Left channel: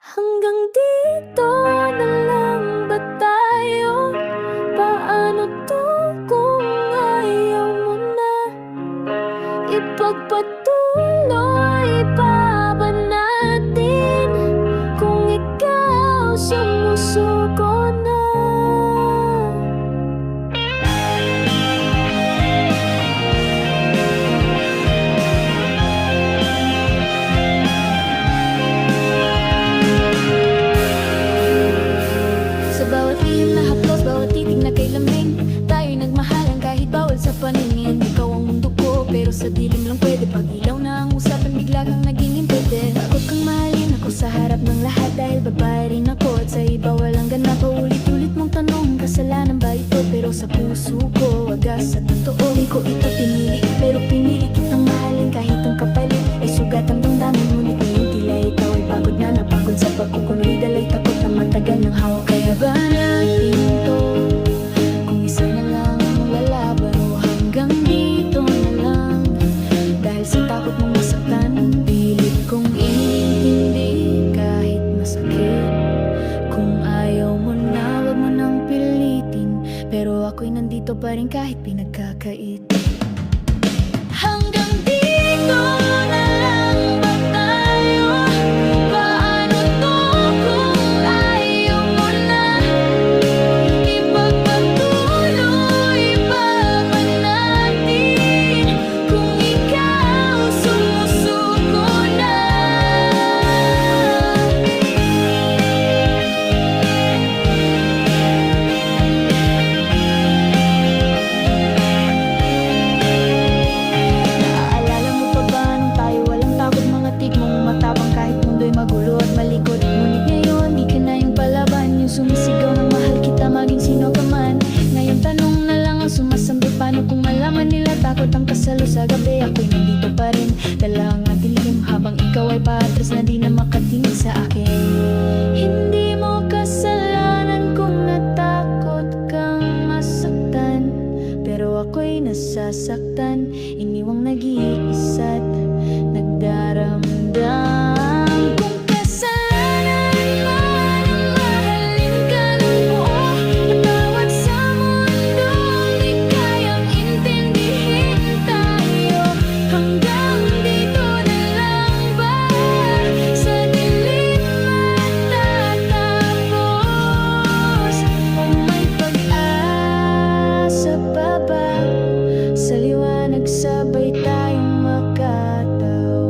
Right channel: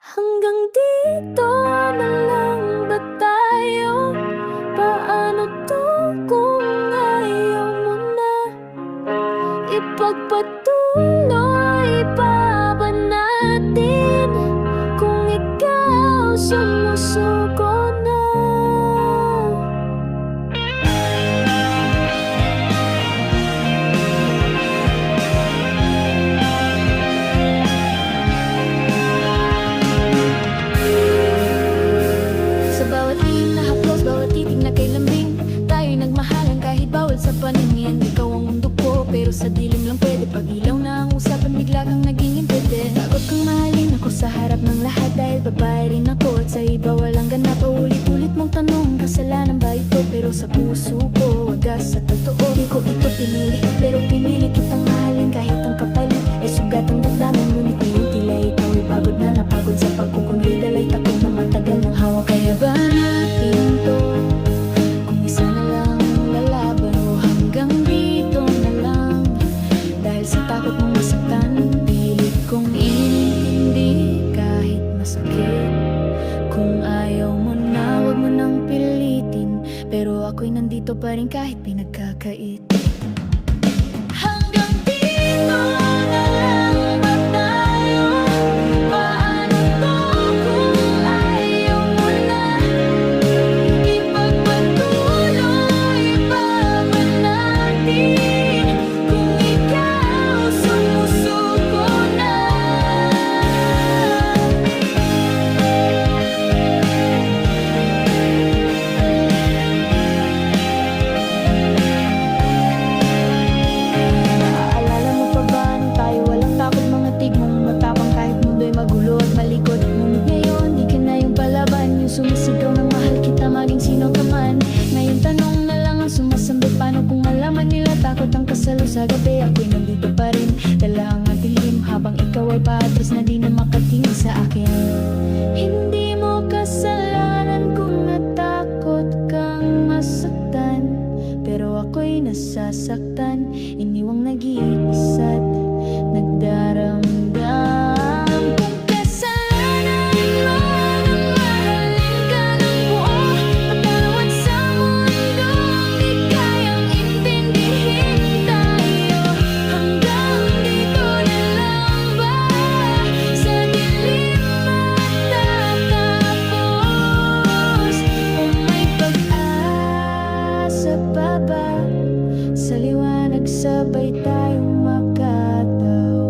Hanggang dito na lang ba tayo? Paano to kung ayaw mo na? Ipagpatuloy pa ba natin? Kung ikaw sumusuko bawat lihim na haplos, bawat titig na kay lambing. Tayo'y nagmahalan kahit bawal sa paningin. Ikaw ang mundo ko, pero sa dilim lang pwede. Pag ilaw na ang usapan, bigla kang naging impede Takot kang mahalin ako sa harap ng lahat Dahil babae rin ako. At sa iba walang ganap. Paulit-ulit mong tanong, kasalanan ba ito? Pero sa puso ko, wagas sa totoo. Di ko ito pinili, pero pinili kitang mahalin Kahit ang kapalit. Ay sugat ang damdamin Ngunit ngayon tila ikaw ay pagod na Napagod sa pagkukunri, dalay takot na matagal ng hawak. Kaya ba natin to? Kung isa na lang ang lalaban o hanggang dito na lang. Dahil sa takot mong masaktan Pilit kong inintindi. Kahit masakit Kung ayaw mo na, wag mo nang pilitin. Pero ako'y nandito pa rin kahit pinagkakait matapang kahit mundo'y magulo at malikot. Ngunit ngayon di ka na yung palaban. Yung sumisigaw ng mahal kita maging sino ka man. Ngayon tanong na lang ang sumasambit Paano kung malaman nila takot ang kasalo sa gabi? Ako'y nandito pa rin. Dala ang dilim habang ikaw ay paatras na di na makatingin sa akin. Hindi nasasaktan Iniwang nag-iisa't nagdaramdam. Sa mundong dikayang intindihin tayo. Hanggang dito na lang ba? Sa dilim natapos oh my because baba sa liwanag sabay tayong makataw